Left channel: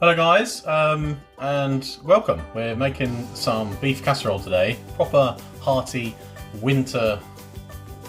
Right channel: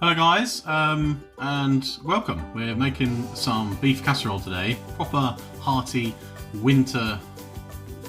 Hello guys, and welcome. We're making some beef casserole today. Proper hearty winter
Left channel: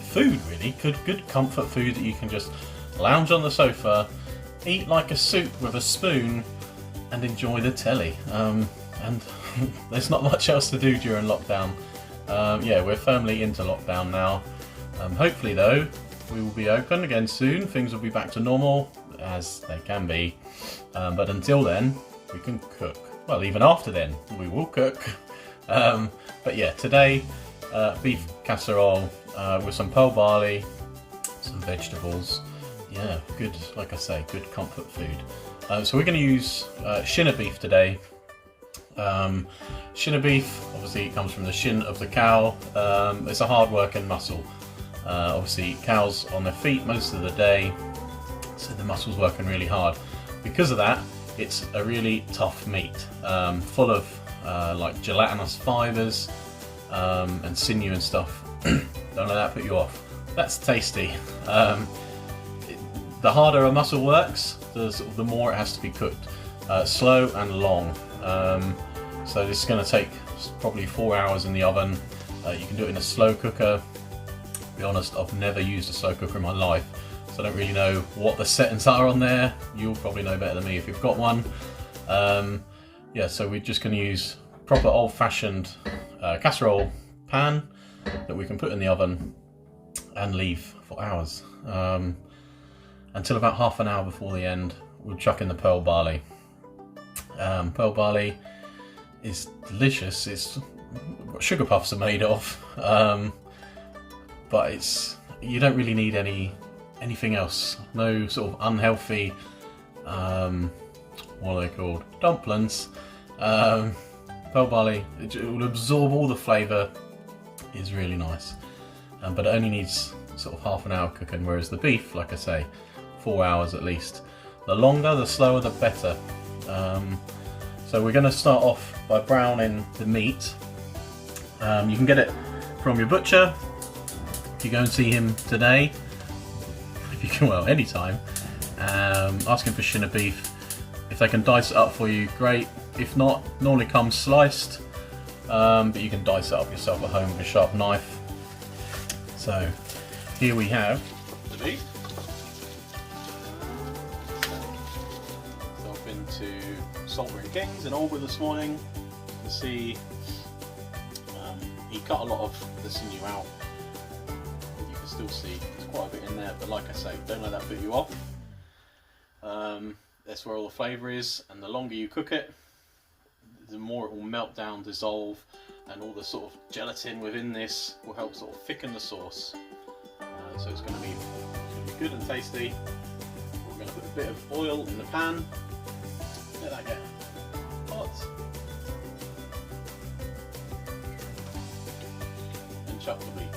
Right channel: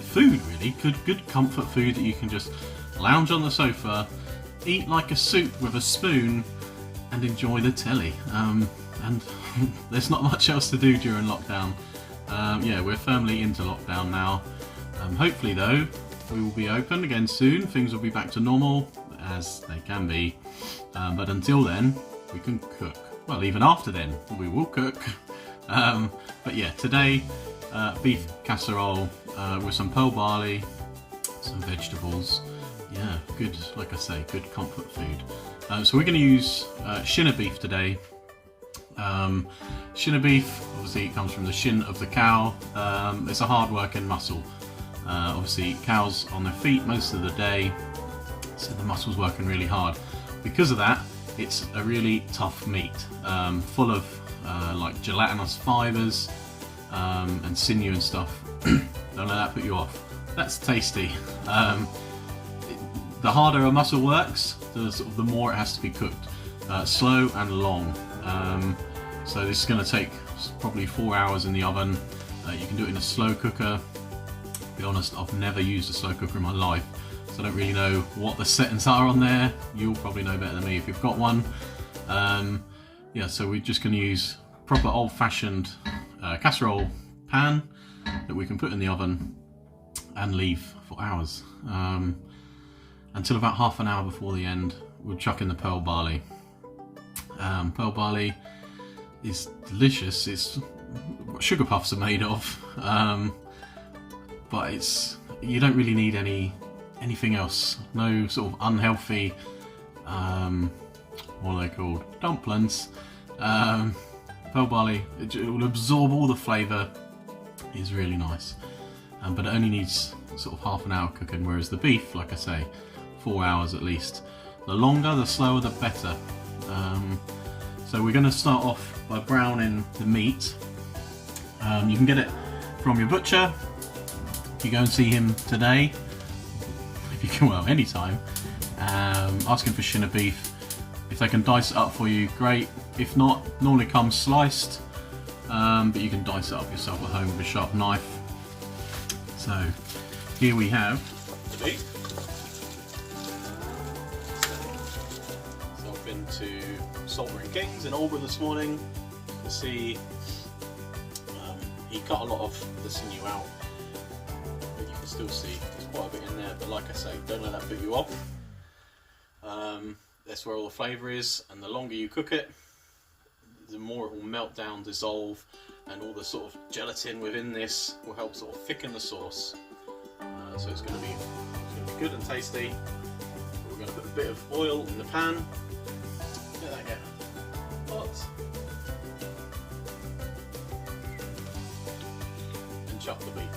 food, really. Good comfort food that you can just lounge on the sofa, eat like a soup with a spoon, and enjoy the telly. And there's not much else to do during lockdown. Yeah, we're firmly into lockdown now. Hopefully though, we will be open again soon. Things will be back to normal, as they can be. But until then, we can cook. Well, even after then, we will cook. But yeah, today, beef casserole with some pearl barley, some vegetables. Yeah, good, like I say, good comfort food. So we're going to use Shin beef today. Shin beef, obviously it comes from the shin of the cow. It's a hard working muscle. Obviously cows on their feet most of the day, so the muscle's working really hard. Because of that, it's a really tough meat, full of like gelatinous fibres and sinew and stuff. Don't let that put you off. That's tasty. The harder a muscle works, the more it has to be cooked. Slow and long. So this is going to take probably 4 hours in the oven. You can do it in a slow cooker. To be honest, I've never used a slow cooker in my life, so I don't really know what the settings are on there. You'll probably know better than me if you've got one. Yeah, so we're just going to use proper old-fashioned casserole pan that we can put in the oven and leave for hours. Until about half an hour before the end, we'll chuck in the pearl barley. Pearl barley is delicious. It's what sugar puffs are made of, but you don't really need anything else. No sort of unhealthy, what are they called? Dumplings. Pearl barley, it will absorb all the flavour. Is really nice, but it only needs sort of half an hour cooking, whereas the beef, like I say, 4 hours at least. The longer, the slower, the better. So we're going to start off by browning the meat. You can get it from your butcher if you go and see him today. If you can, well, anytime. Ask him for Shin beef. If they can dice it up for you, great. If not, normally comes sliced, but you can dice it up yourself at home with a sharp knife. So here we have the beef. So I've been to Saltburn Kings in Albury this morning. You can see he cut a lot of the sinew out, but you can still see there's quite a bit in there. But like I say, don't let that put you off. That's where all the flavour is, and the longer you cook it, the more it will melt down, dissolve, and all the sort of gelatin within this will help sort of thicken the sauce. So it's going to be good and tasty. We're going to put a bit of oil in the pan. Let that get hot. And chuck the meat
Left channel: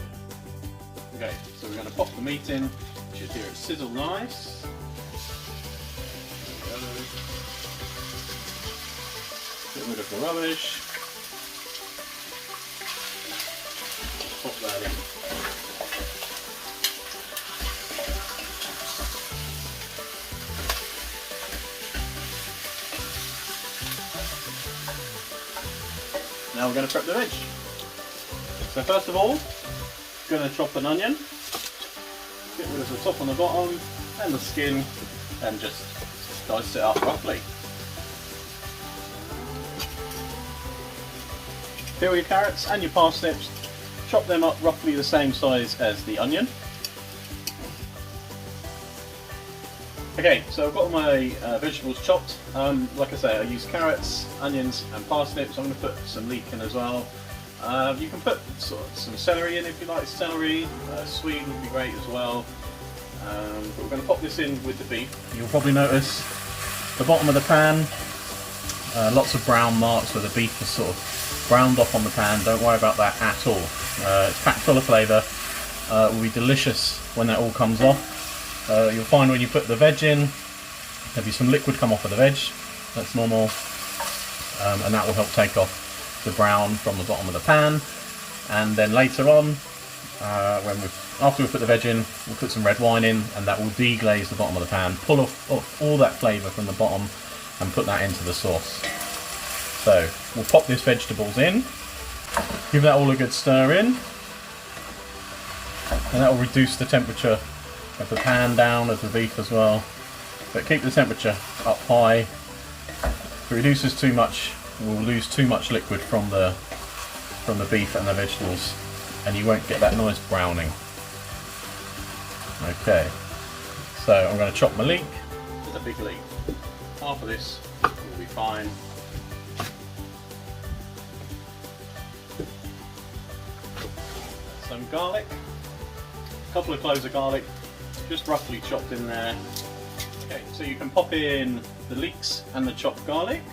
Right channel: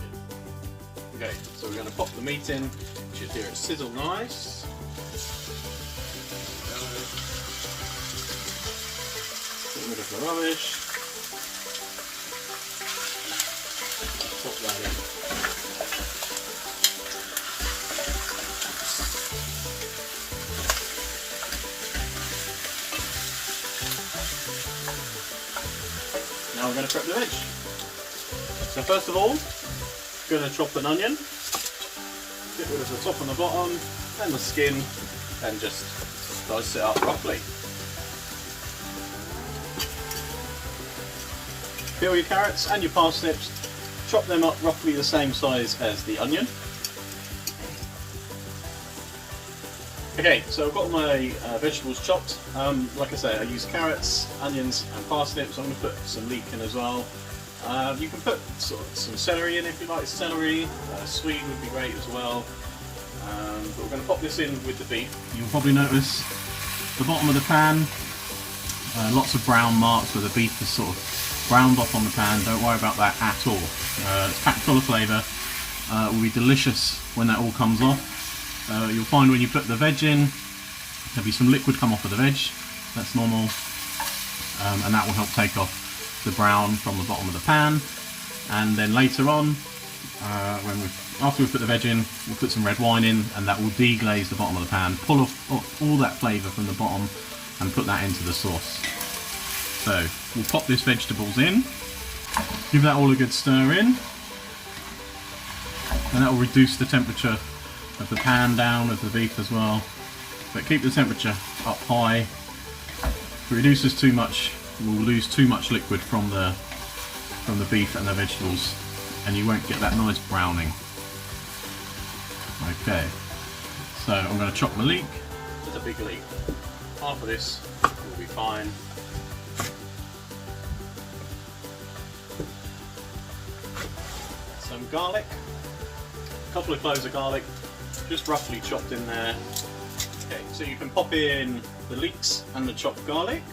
in. Okay, so we're going to pop the meat in. You should hear it sizzle nice. Get rid of the rubbish. Pop that in. Now we're going to prep the veg. So first of all, I'm going to chop an onion. Get rid of the top and the bottom and the skin, and just dice it up roughly. Peel your carrots and your parsnips, chop them up roughly the same size as the onion. Okay, so I've got my vegetables chopped. Like I say, I use carrots, onions and parsnips. I'm going to put some leek in as well. You can put sort of some celery in if you like celery. Swede would be great as well. But we're going to pop this in with the beef. You'll probably notice the bottom of the pan, lots of brown marks where the beef is sort of browned off on the pan. Don't worry about that at all. It's packed full of flavour. It will be delicious when that all comes off. You'll find when you put the veg in, there'll be some liquid come off of the veg. That's normal, and that will help take off the brown from the bottom of the pan. And then later on, after we put the veg in, we'll put some red wine in, and that will deglaze the bottom of the pan, pull off all that flavour from the bottom, and put that into the sauce. So we'll pop these vegetables in, give that all a good stir in, and that will reduce the temperature of the pan down, of the beef as well. But keep the temperature up high. If it reduces too much, we'll lose too much liquid from the beef and the vegetables, and you won't get that nice browning. Okay, so I'm going to chop my leek with a big leek. Half of this will be fine. Some garlic, a couple of cloves of garlic, just roughly chopped in there. Okay, so you can pop in the leeks and the chopped garlic.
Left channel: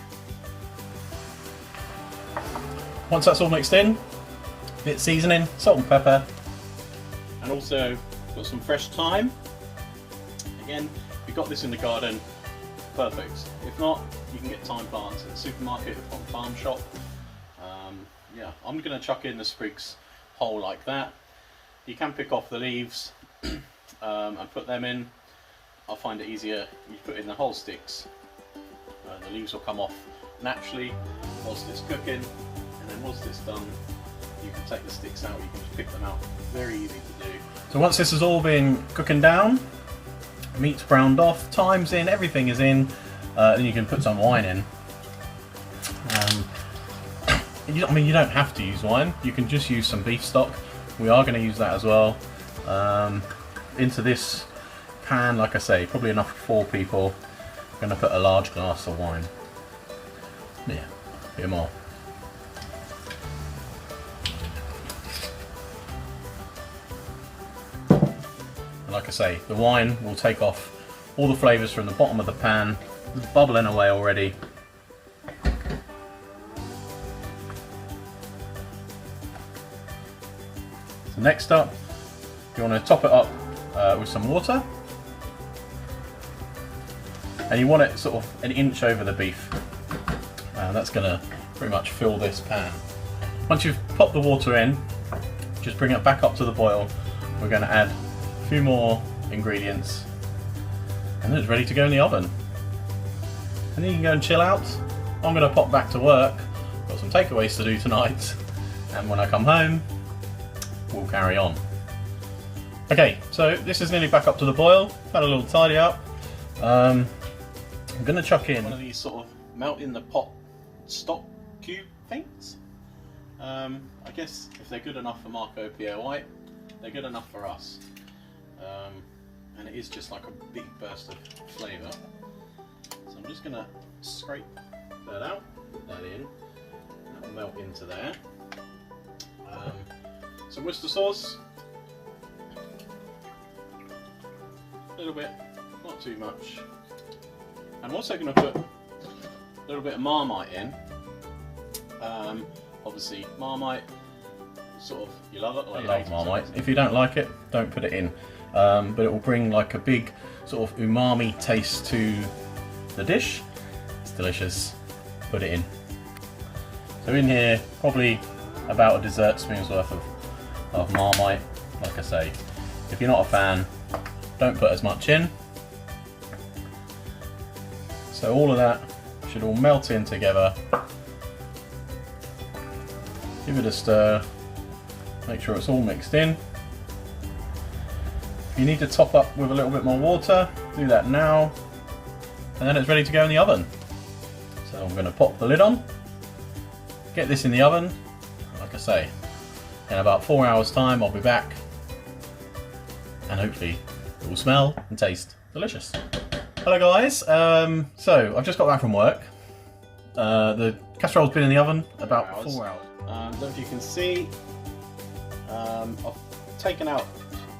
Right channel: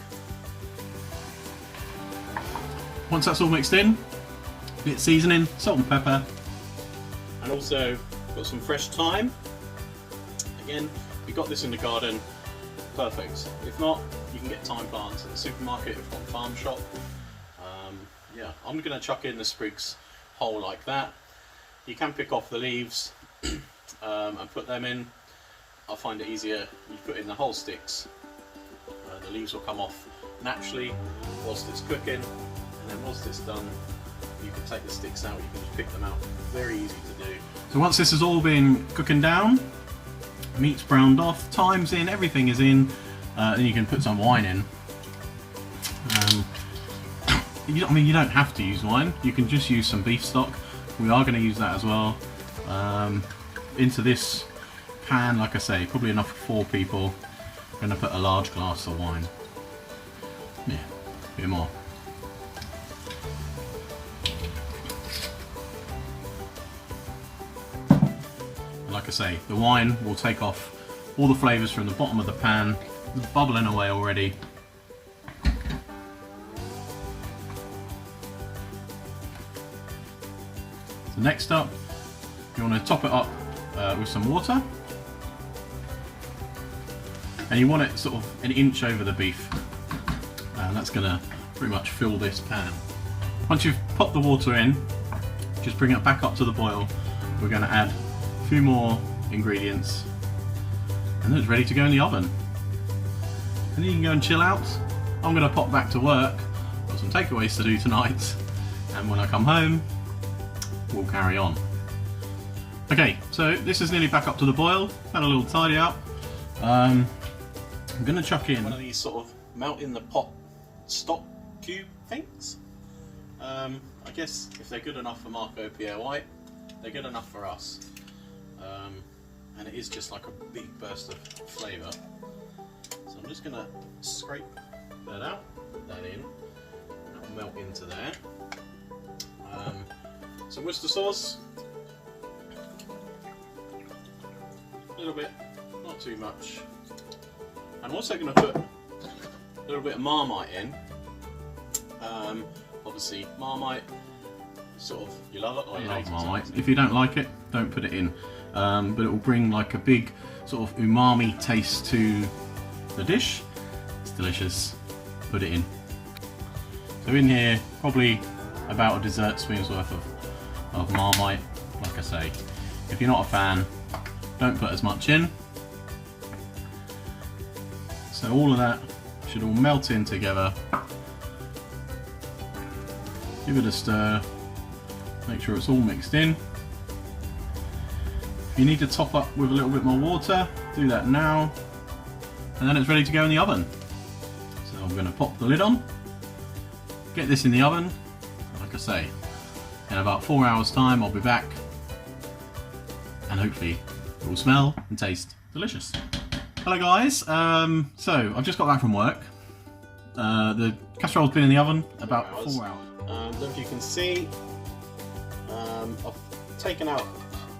Once that's all mixed in, a bit of seasoning, salt and pepper, and also got some fresh thyme. Again, if you got this in the garden, perfect. If not, you can get thyme plants at the supermarket or farm shop. Yeah, I'm going to chuck in the sprigs whole like that. You can pick off the leaves and put them in. I find it easier you put in the whole sticks. The leaves will come off naturally whilst it's cooking, and then once it's done, you can take the sticks out. You can just pick them out. Very easy to do. So once this has all been cooking down, meat's browned off, thyme's in, everything is in, then you can put some wine in. I mean, you don't have to use wine. You can just use some beef stock. We are going to use that as well. Into this pan, like I say, probably enough for 4 people. I'm going to put a large glass of wine. Yeah, a bit more. And like I say, the wine will take off all the flavours from the bottom of the pan. It's bubbling away already. So next up, you want to top it up with some water, and you want it sort of an inch over the beef, and that's going to pretty much fill this pan. Once you've popped the water in, just bring it back up to the boil. We're going to add a few more ingredients, and it's ready to go in the oven. And then you can go and chill out. I'm going to pop back to work. Got some takeaways to do tonight, and when I come home, we'll carry on. Okay, so this is nearly back up to the boil. Had a little tidy up. I'm going to chuck in one of these sort of melt in the pot stock cube things. I guess if they're good enough for Marco Pierre White, they're good enough for us. And it is just like a big burst of flavour. So I'm just going to scrape that out, put that in. That will melt into there. Some Worcester sauce. A little bit, not too much. I'm also going to put a little bit of Marmite in. Obviously, Marmite, sort of, you love it or you hate it. Marmite. If you don't like it, don't put it in. But it will bring like a big sort of umami taste to the dish. It's delicious. Put it in. So in here, probably about a dessert spoon's worth of Marmite. Like I say, if you're not a fan, don't put as much in. So all of that should all melt in together. Give it a stir, make sure it's all mixed in. If you need to top up with a little bit more water, do that now, and then it's ready to go in the oven. So I'm going to pop the lid on, get this in the oven. Like I say, in about 4 hours time I'll be back, and hopefully it will smell and taste delicious. Hello guys, so I've just got back from work. The casserole's been in the oven about 4 hours. I don't know if you can see, I've taken out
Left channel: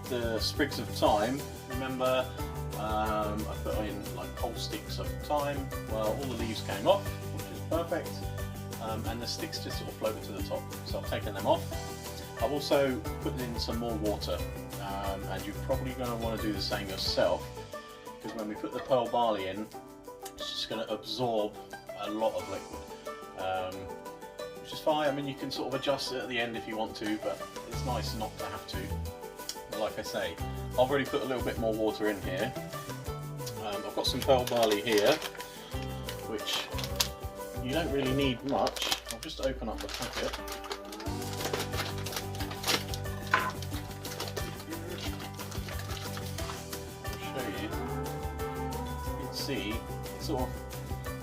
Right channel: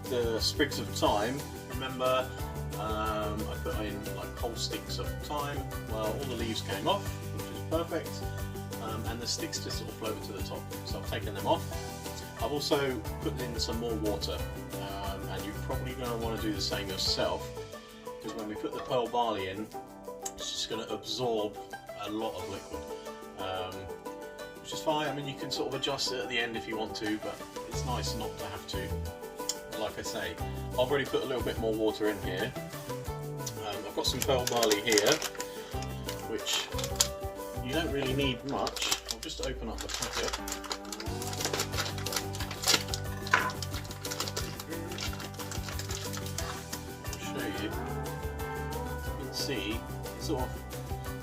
the sprigs of thyme. Remember, I put in like whole sticks of thyme. Well, all the leaves came off, which is perfect, and the sticks just sort of floated to the top, so I've taken them off. I've also put in some more water, and you're probably going to want to do the same yourself, because when we put the pearl barley in, it's just going to absorb a lot of liquid, which is fine. I mean, you can sort of adjust it at the end if you want to, but it's nice not to have to. But like I say, I've already put a little bit more water in here. I've got some pearl barley here, which you don't really need much. I'll just open up the packet. I'll show you. You can see, sort of,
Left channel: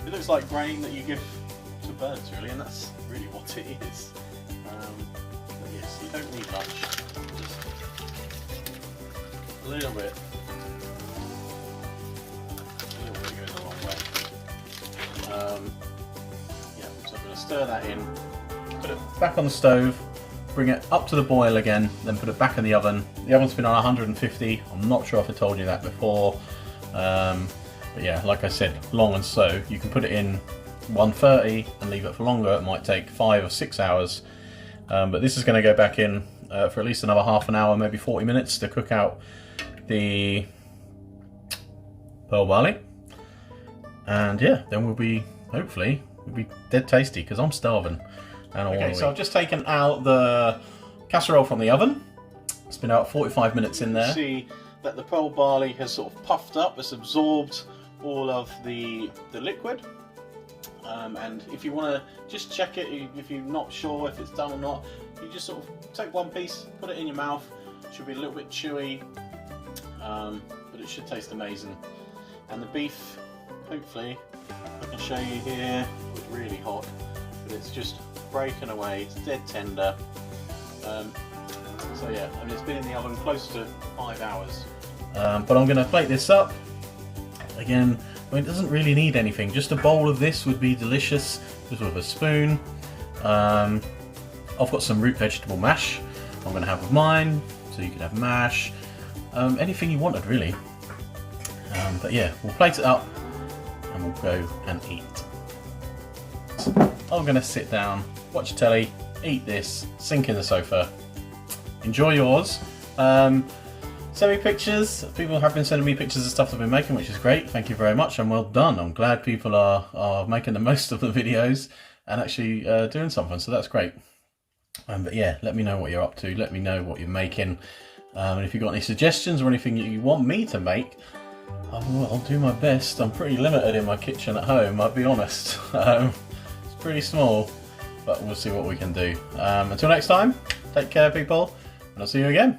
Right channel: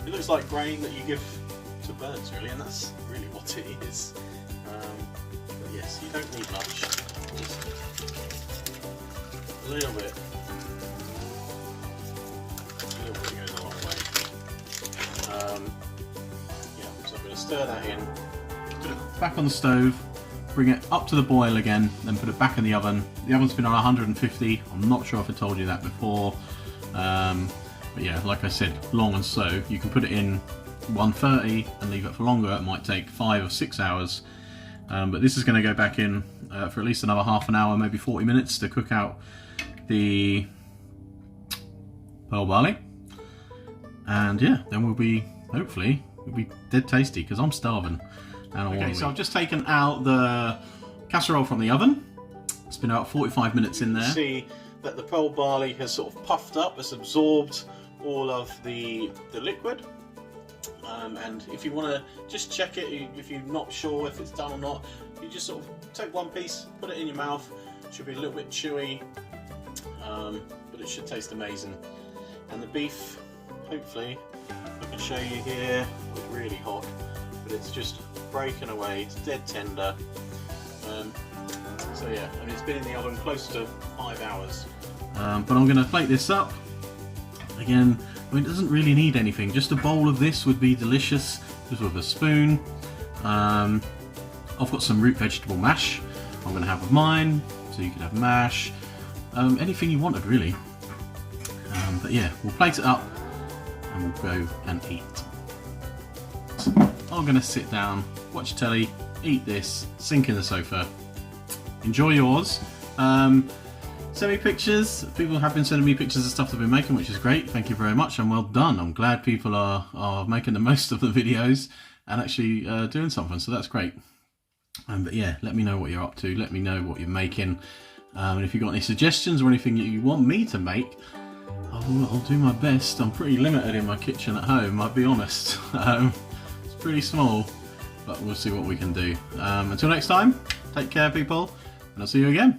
it looks like grain that you give to birds, really, and that's really what it is. But yes, you don't need much. Just a little bit. A little bit goes a long way. Yeah, so I'm going to stir that in, put it back on the stove, bring it up to the boil again, then put it back in the oven. The oven's been on 150. I'm not sure if I told you that before. But yeah, like I said, long and slow. You can put it in 130 and leave it for longer. It might take 5 or 6 hours. But this is going to go back in for at least another half an hour, maybe 40 minutes to cook out the pearl barley. And yeah, then we'll be, hopefully, we'll be dead tasty because I'm starving. And okay, so I've just taken out the casserole from the oven. It's been about 45 minutes in there. You see that the pearl barley has sort of puffed up, it's absorbed all of the liquid. And if you want to just check it, if you're not sure if it's done or not, you just sort of take one piece, put it in your mouth. It should be a little bit chewy, but it should taste amazing. And the beef, hopefully, I can show you here, it's really hot, but it's just breaking away, it's dead tender. So yeah, and it's been in the oven close to 5 hours. But I'm going to plate this up. Again, I mean, it doesn't really need anything, just a bowl of this would be delicious, just with a spoon. I've got some root vegetable mash I'm going to have with mine, so you could have mash, anything you wanted really. But yeah, we'll plate it up and we'll go and eat. So I'm going to sit down, watch telly, eat this, sink in the sofa, enjoy yours. Send me pictures. People have been sending me pictures of stuff I've been making, which is great. Thank you very much and well done. I'm glad people are making the most of the videos and actually doing something, so that's great. But yeah, let me know what you're up to. Let me know what you're making. And if you've got any suggestions or anything you want me to make, I'll do my best. I'm pretty limited in my kitchen at home, I'll be honest. It's pretty small, but we'll see what we can do. Until next time, take care people, and I'll see you again.